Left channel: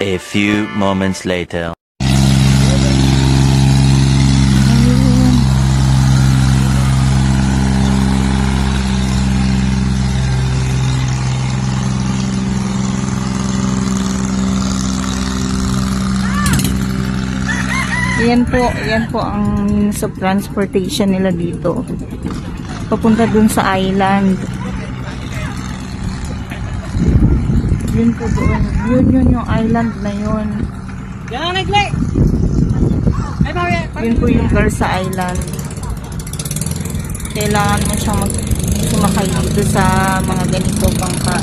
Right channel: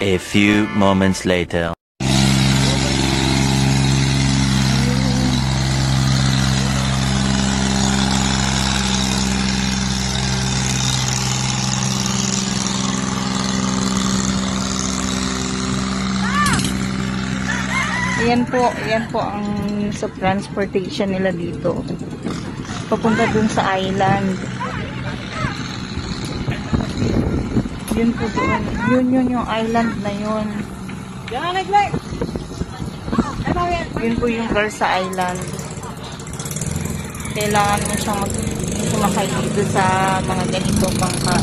A few moments later. Yan po ang means of transportation nila dito. Papunta dun sa island. Yun po doon. Yun yung island na yun. Yun po yung Garza Island. kailangan mo siyang sumakay dito sa mga ganito bangka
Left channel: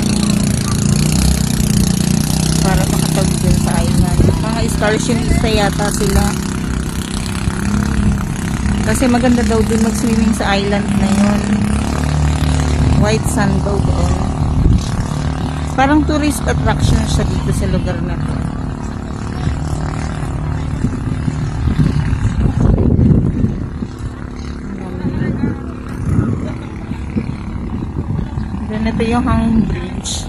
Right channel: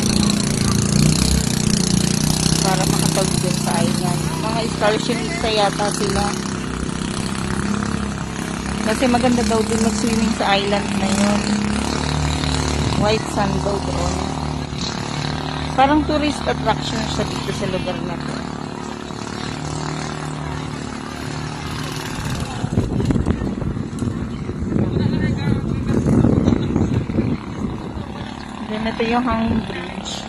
para makatawid dun sa island. Mga excursionista yata sila. Kasi maganda daw dun mag-swimming sa island na yun. White sand daw doon. Parang tourist attraction siya dito sa lugar na to. Then ito yung hanging bridge.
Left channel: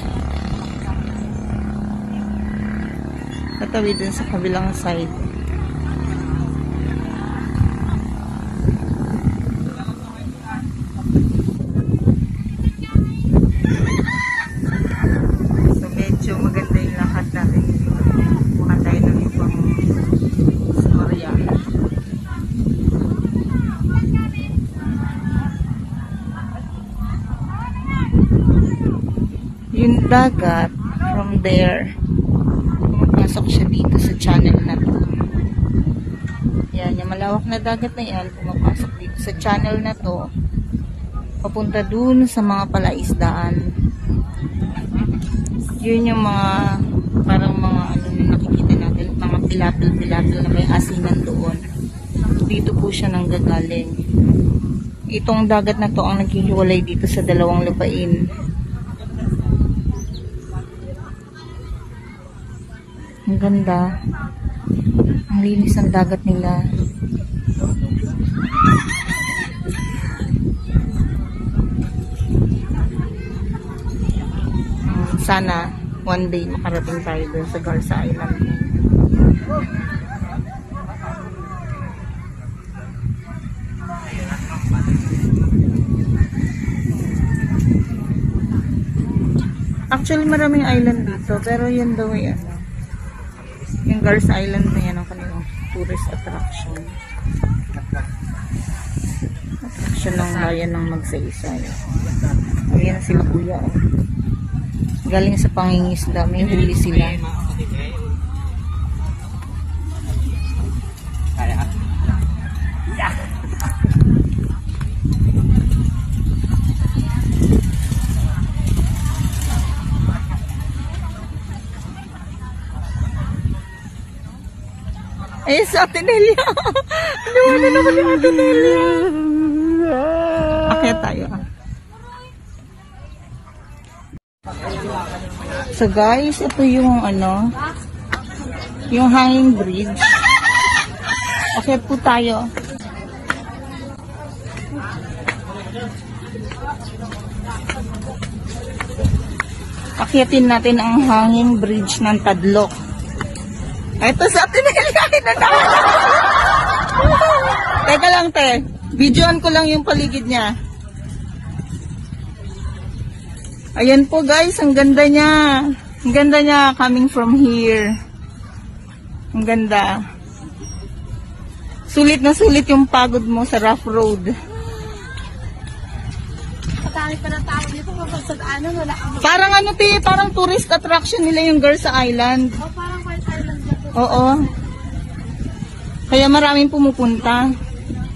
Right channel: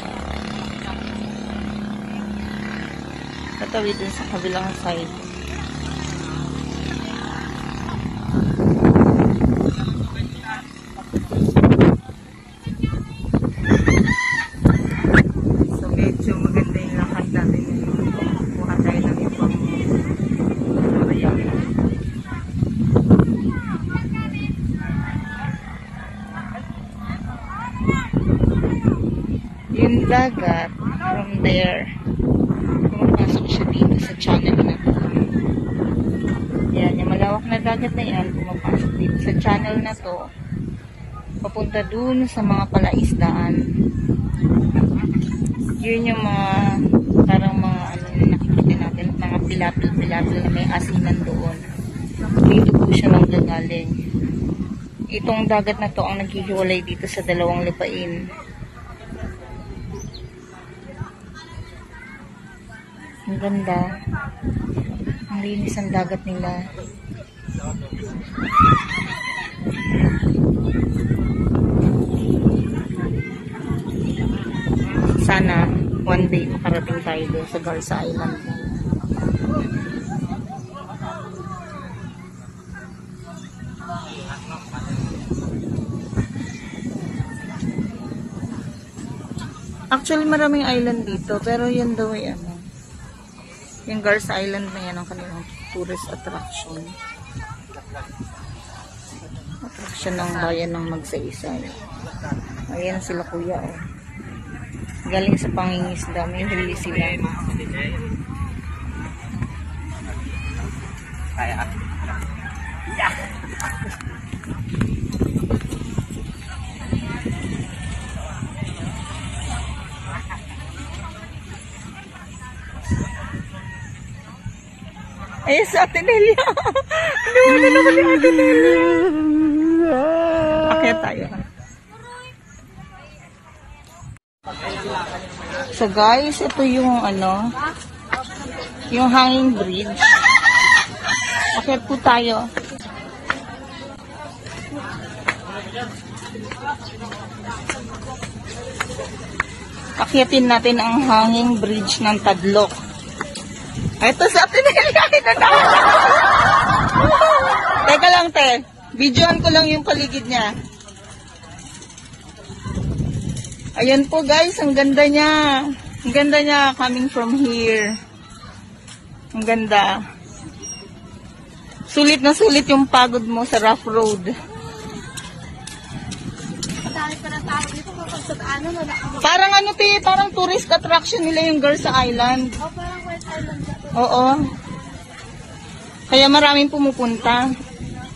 Patawid dun sa kabilang side. So medyo maganda yung lakad natin ngayon. Kuha tayo ng ibang storya. Yung dagat from there, pumasok siya dito sa channel na to. Yan, yung malawak na dagat na yan, pumapasok dito sa channel na to, papunta dun sa mga palaisdaan. Yun yung mga, parang mga, ano nakikita natin, mga pilapil-pilapil na may asinan doon. Dito po siya nanggagaling. Itong dagat na to ang naghihiwalay dito sa dalawang lupain. Ang ganda. Ang linis ang dagat nila. Sana one day makarating tayo doon sa Garza Island. Actually maraming island dito, pero yun daw ay ano, yung Garza Island na yan ang kanilang tourist attraction. Attraction ng bayan ng Magsaysay. Ayan sila kuya, oh. Galing sa pangingisda, may huli sila. Ay, sa Ate Nelia. Nawalan naman ni Ate Nelia. Akyat tayo. So guys, ito yung ano, yung hanging bridge. Akyat po tayo. Akyatin natin ang hanging bridge ng Tadlok. Ito sa Ate Nelia. Teka lang, te. Videoan ko lang yung paligid niya. Ayan po guys, ang ganda niya. Ang ganda niya coming from here. Ang ganda. Sulit na sulit yung pagod mo sa rough road. Parang ano te, parang tourist attraction nila yung Garza Island. O, parang White Island. Oo. Kaya maraming pumupunta.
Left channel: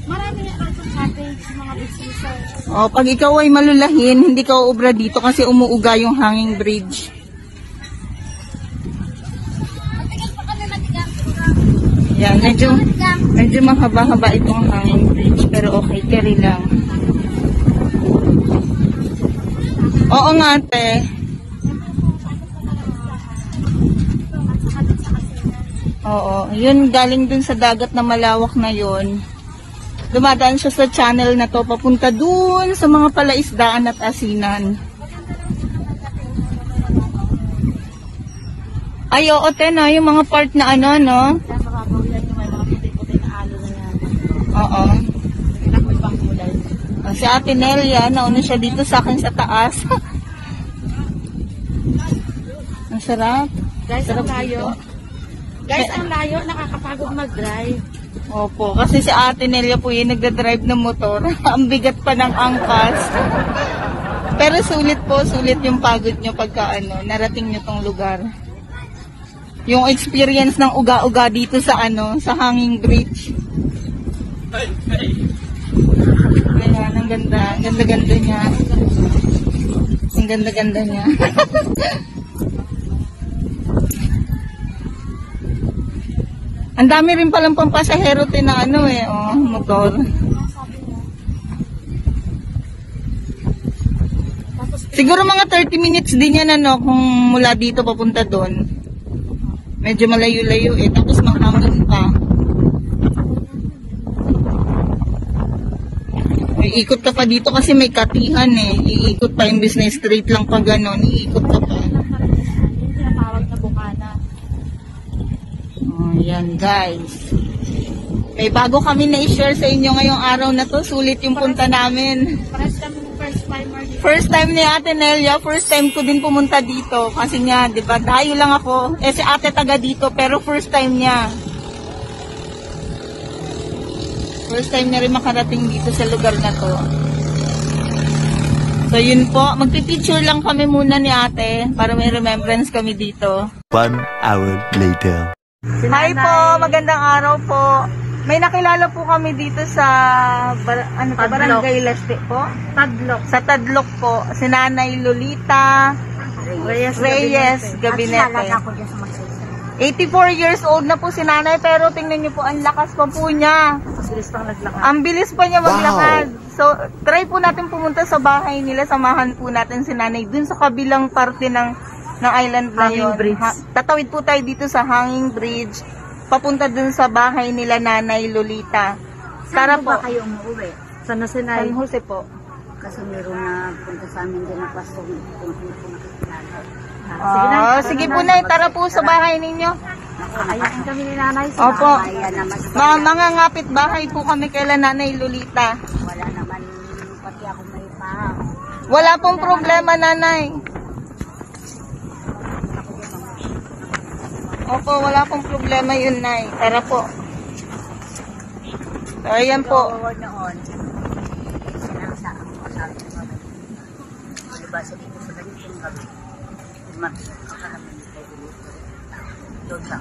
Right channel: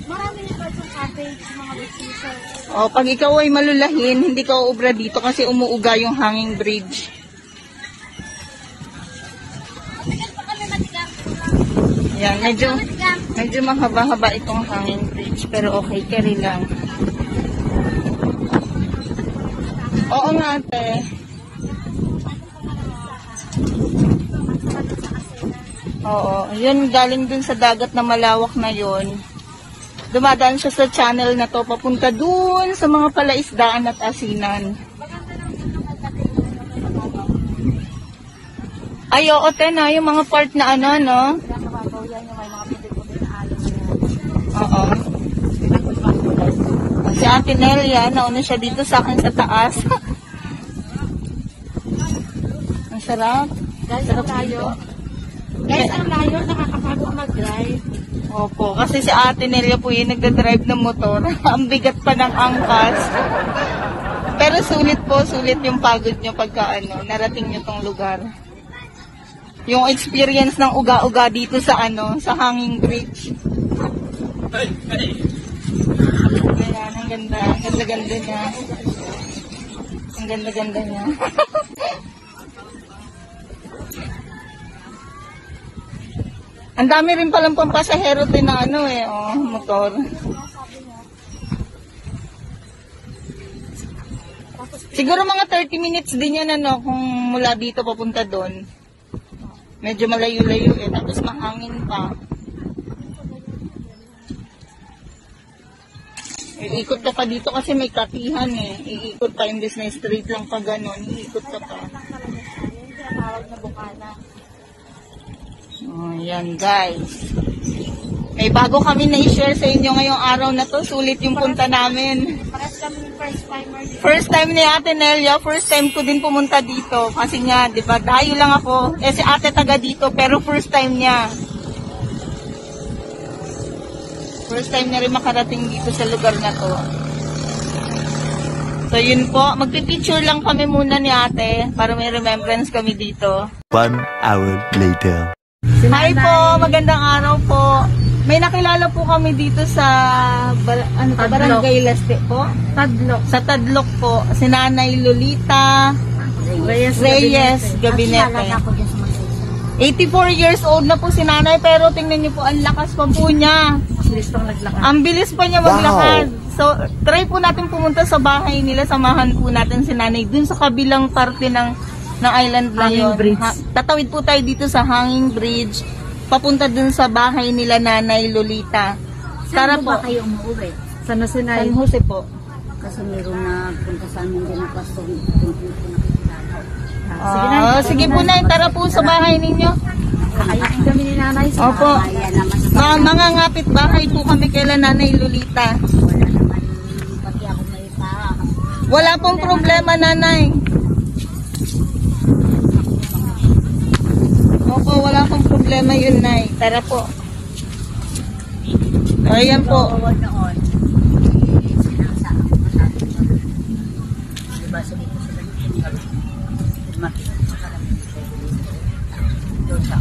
Maraming cottage, mga businesses. O, pag ikaw ay malulahin, hindi ka uubra dito kasi umuuga yung hanging bridge. Matigas pa kami, matigas. Yan, medyo mahaba-haba itong hanging bridge, pero okay, carry lang. Oo nga, ate. Oo, yun galing dun sa dagat na malawak na yun. Dumadaan siya sa channel na to, papunta dun sa mga palaisdaan at asinan. Ay, oo, na yung mga part na ano, no? Oo. Si Ate Nelia, nauna siya dito sa akin sa taas. Ang sarap. Guys, Sarap ang layo. dito. Guys, ang layo, nakakapagod mag-drive. Opo, kasi si Ate Nelia po yung nagdadrive ng motor. Ang bigat pa ng angkas. Pero sulit po, sulit yung pagod nyo pagka ano, narating nyo tong lugar. Yung experience ng uga-uga dito sa ano, sa hanging bridge. Ayan, Ang ganda. Ganda-ganda niya. Ang ganda-ganda niya. Ang dami rin palang pampasahero din na ano eh, oh, motor. Siguro mga 30 minutes din yan ano, kung mula dito papunta doon. Medyo malayo-layo eh, tapos mahangin pa. Iikot ka pa dito kasi may katihan eh. Iikot pa yung business street lang pa gano'n. Iikot ka pa. Oh, yan guys. May bago kami na i-share sa inyo ngayong araw na to. Sulit yung punta namin. Paras kami ng first timer dito. First time ni Ate Nelia. First time ko din pumunta dito. Kasi nga, di ba, dayo lang ako. Eh si Ate taga dito pero first time niya. First time na rin makarating dito sa lugar na to. So yun po, magpipicture lang kami muna ni ate para may remembrance kami dito. 1 hour later. Hi po, magandang araw po. May nakilala po kami dito sa Barangay Leste po. Tadlok. Sa Tadlok po, si Nanay Lolita Reyes Gabinete. Ako dyan sa Magsaysay. 84 years old na po si Nanay pero tingnan niyo po, ang lakas pa po niya. Bilis pang naglakad. Ang bilis pa niya maglakad. So, try po natin pumunta sa bahay nila. Samahan po natin si Nanay dun sa kabilang parte ng island na yun. Tatawid po tayo dito sa Hanging Bridge. Papunta dun sa bahay nila Nanay Lolita. Tara po. Saan ba kayo umuwi? San Jose po. Kasi meron na punta sa amin din na klastong kung Sige po na, tara po sa bahay ninyo. Kakayain kami ni nanay sa Opo. Mga ngapit bahay po kami kaila Nanay Lolita. Wala naman pati ako may pa. Wala pong problema, Nanay. Opo, wala pong problema yun, Nay. Tara po. Ayan po. Oo, noon. Diba sabi ko sa ganyan kami. Doon sa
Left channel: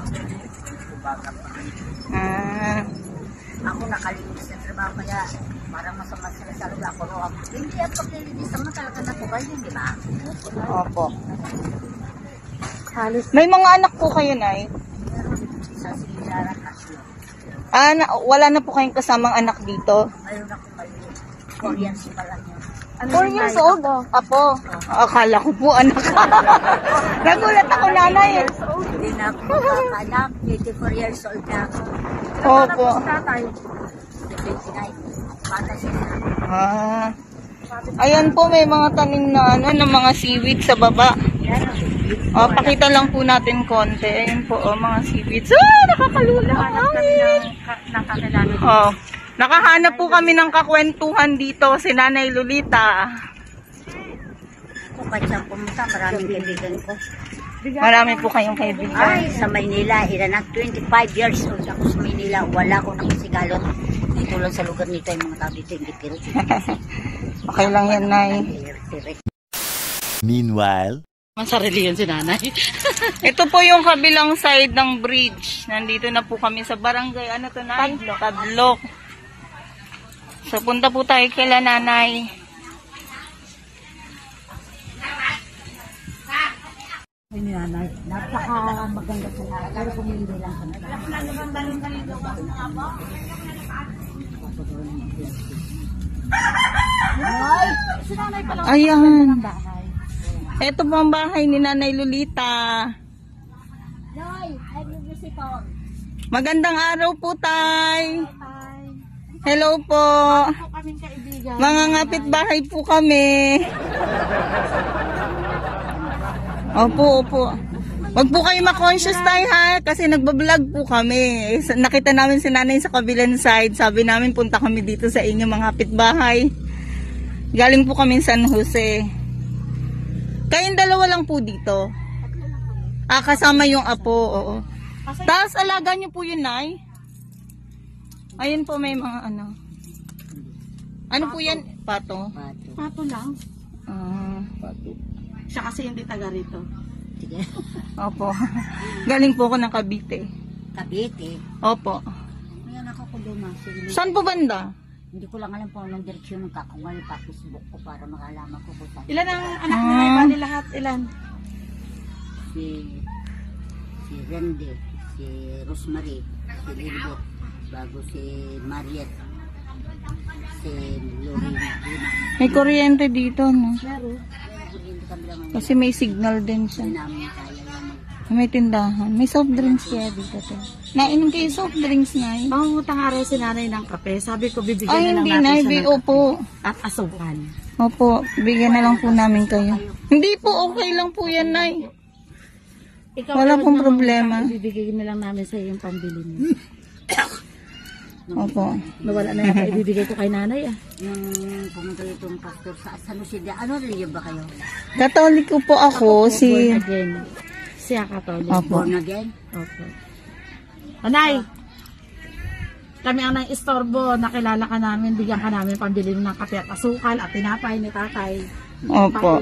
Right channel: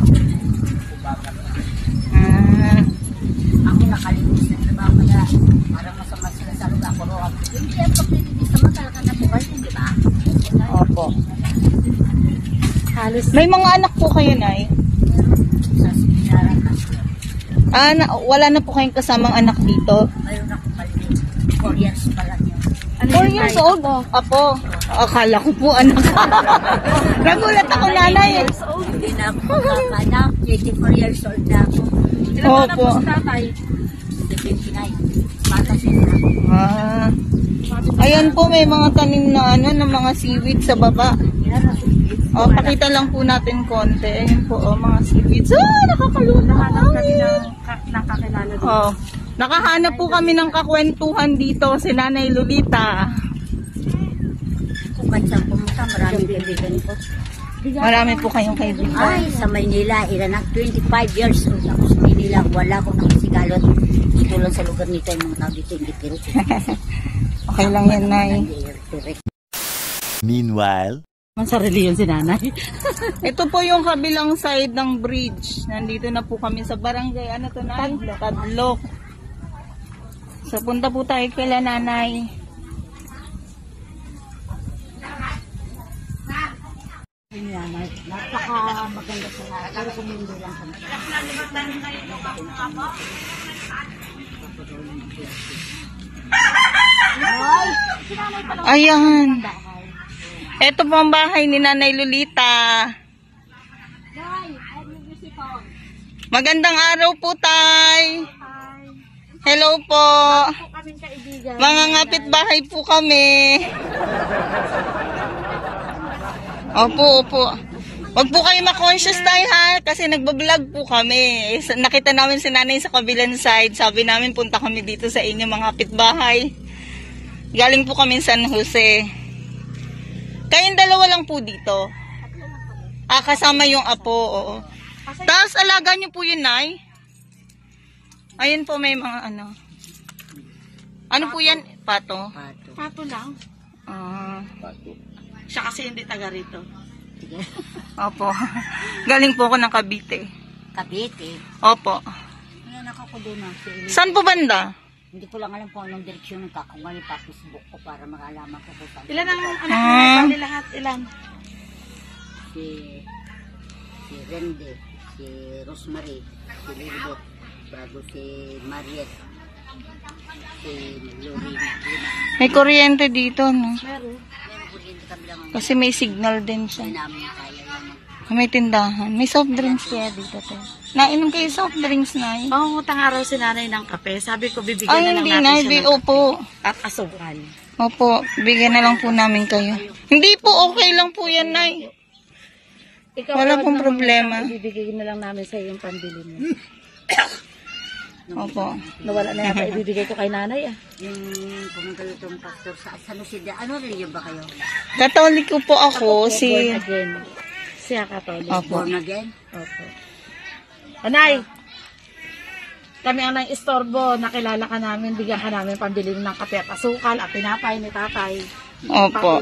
ako nakalimutan sa trabaho kaya parang masama sila sa lugar ako roon. Hindi ang pagkilinis naman talaga natural yun, di ba? Opo. Halos May mga anak po kayo, Nay? sa sinaran kasi. Wala na po kayong kasamang anak dito? Mayroon akong maliit. 4 years pa lang yun. 4 years old? Apo. Akala ko po anak. Nagulat ako, Nanay. Hindi na ako magkakanak. 84 years old na ako. Opo. Tatay. 79. Bata siya. Ayan po, may mga tanim na ng mga seaweed sa baba. Pakita lang po natin konti. Ayan po, mga seaweeds. Nakakalula. Nakahanap po kami ng kakwentuhan dito, si Nanay Lolita. Kung kahit saan pumunta, maraming kaibigan ko. Marami po kayong kaibigan. Ay, sa Maynila, ilan na 25 years old ako sa Maynila. Wala ko nakasigalot. Tulad sa lugar nito, yung mga tao dito, hindi pirit. Okay lang yan, Nay. Meanwhile, Ang sarili yan si nanay. Ito po yung kabilang side ng bridge. Nandito na po kami sa barangay. Ano to, Nay? Tadlok. So, punta po tayo kila Nanay. Ay, nanay, napaka maganda sa lahat. Pero kung hindi lang kami. Ayan. Ito po ang bahay ni Nanay Lolita. Magandang araw po, Tay. Hello po. Mga ngapit bahay po kami. Opo, opo. Huwag po kayo ma-conscious tayo ha, kasi nagbablog po kami. Nakita namin si Nanay sa kabilang side. Sabi namin punta kami dito sa inyo mga kapitbahay. Galing po kami San Jose. Kayong dalawa lang po dito. Kasama yung apo, oo. Tapos alaga nyo po yun, Nay. Ayun po may mga ano. Ano po yan? Pato? Pato lang. Siya kasi hindi taga rito. Opo. Galing po ako ng Cavite. Cavite. Opo. Ngayon ako doon na. Saan po banda? Hindi ko lang alam kung anong direksyon ng kako. Ngayon pa Facebook ko para makalaman ko kung saan. Ilan ang anak mo? Bali lahat, ilan? Si Rende, si Rosemary, si Lilibet, bago si Mariette, si Lorena. May kuryente dito, no? Meron. Pero kuryente kami lang ang Kasi may signal din siya. namin kaya lang. May tindahan. May soft drinks kaya dito, te. Nainom kayo soft drinks, Nay? Pangungutang araw si nanay ng kape. Sabi ko, bibigyan Ay, na lang hindi, natin Nay. siya ng Opo. at asukan. Opo. Bigyan na lang po namin kayo. Hindi po, okay lang po yan, Nay. Ikaw, Wala wag pong naman, problema. Ibibigay na lang namin sa yung pambili mo. Opo. Nawala na yata ibibigay ko kay nanay ah. Yung pumunta yung pastor sa San Jose de, ano religion ba kayo? Katoliko po ako, si... Born again. Siya katolik. Opo. Born again? Opo. Nanay, kami ang nang istorbo, nakilala ka namin, bigyan ka namin pambili ng kape at asukal at tinapay ni tatay. Opo.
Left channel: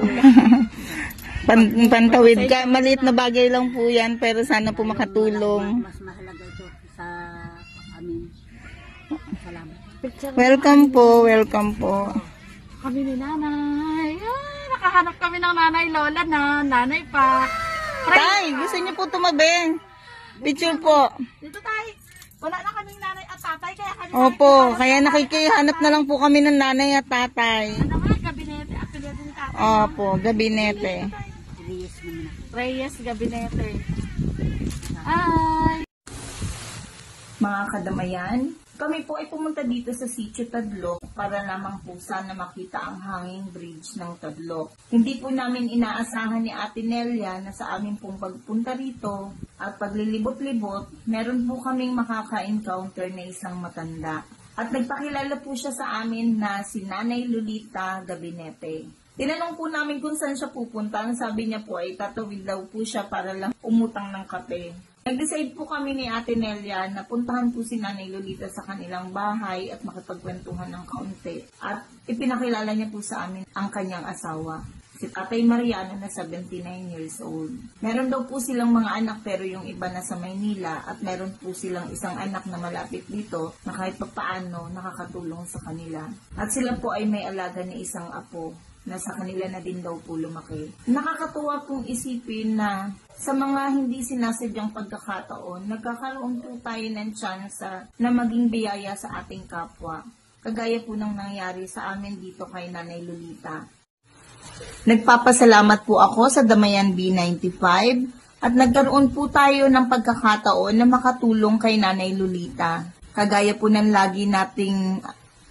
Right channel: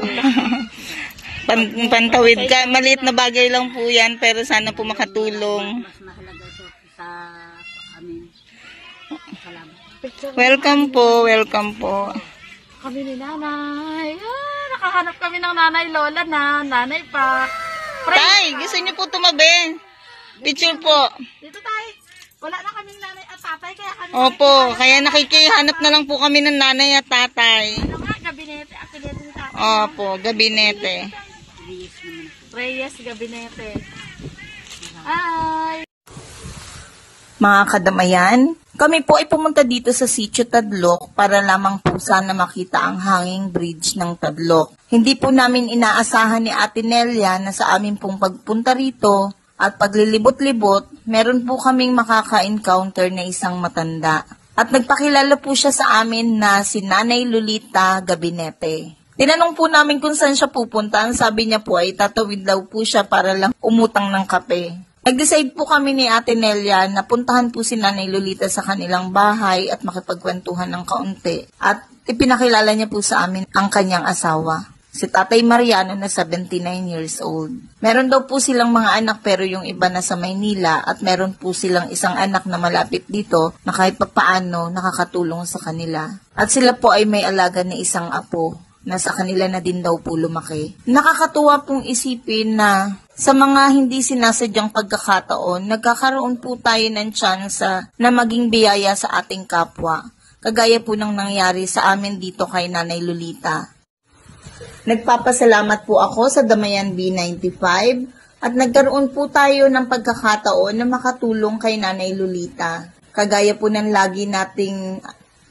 Pantawid ka. Maliit na bagay lang po yan, pero sana po makatulong. Mas mahalaga ito sa amin. Salamat. Welcome po, welcome po. Kami ni nanay. Ah, nakahanap kami ng nanay lola na, nanay pa. Tay, gusto niyo po tumabi? Picture po. Dito tayo. Wala na kaming nanay at tatay, kaya kami. Opo, kaya nakikihanap na lang po kami ng nanay at tatay. Ano nga, gabinete, apelyido ni tatay. Opo, gabinete. Reyes naman ako. Reyes, gabinete. Ay. Mga kadamayan, kami po ay pumunta dito sa Sitio Tadloc para lamang po sana makita ang hanging bridge ng Tadloc. Hindi po namin inaasahan ni Ate Nelia na sa amin pong pagpunta rito at paglilibot-libot, meron po kaming makaka-encounter na isang matanda. At nagpakilala po siya sa amin na si Nanay Lolita Gabinete. Tinanong po namin kung saan siya pupunta. Ang sabi niya po ay tatawid daw po siya para lang umutang ng kape. Nag-decide po kami ni Ate Nelia na puntahan po si Nanay Lolita sa kanilang bahay at makipagkwentuhan ng kaunti. At ipinakilala niya po sa amin ang kanyang asawa, si Tatay Mariano na 79 years old. Meron daw po silang mga anak pero yung iba na sa Maynila at meron po silang isang anak na malapit dito na kahit papaano nakakatulong sa kanila. At sila po ay may alaga na isang apo na sa kanila na din daw po lumaki. Nakakatuwa pong isipin na sa mga hindi sinasadyang pagkakataon, nagkakaroon po tayo ng tsansa na maging biyaya sa ating kapwa. Kagaya po ng nangyari sa amin dito kay Nanay Lolita. Nagpapasalamat po ako sa Damayan B95 at nagkaroon po tayo ng pagkakataon na makatulong kay Nanay Lolita. Kagaya po ng lagi nating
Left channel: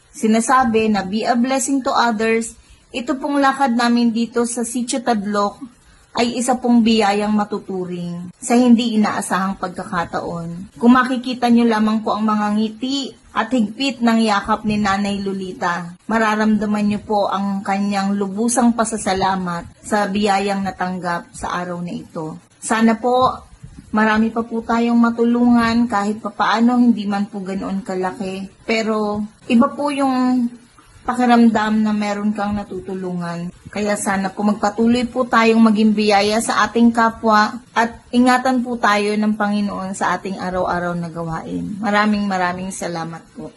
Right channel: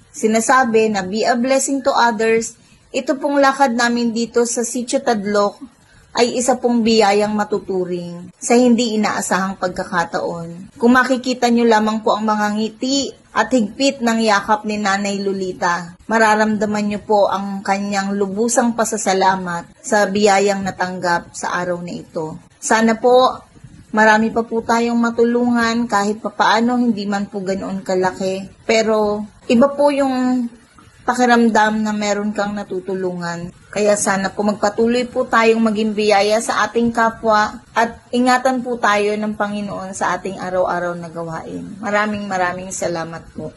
sinasabi na be a blessing to others, ito pong lakad namin dito sa Sitio Tadloc ay isa pong biyayang matuturing sa hindi inaasahang pagkakataon. Kung makikita nyo lamang po ang mga ngiti at higpit ng yakap ni Nanay Lolita, mararamdaman nyo po ang kanyang lubusang pasasalamat sa biyayang natanggap sa araw na ito. Sana po marami pa po tayong matulungan kahit papaano, hindi man po ganoon kalaki. Pero iba po yung pakiramdam na meron kang natutulungan. Kaya sana po magpatuloy po tayong maging biyaya sa ating kapwa at ingatan po tayo ng Panginoon sa ating araw-araw na gawain. Maraming salamat po.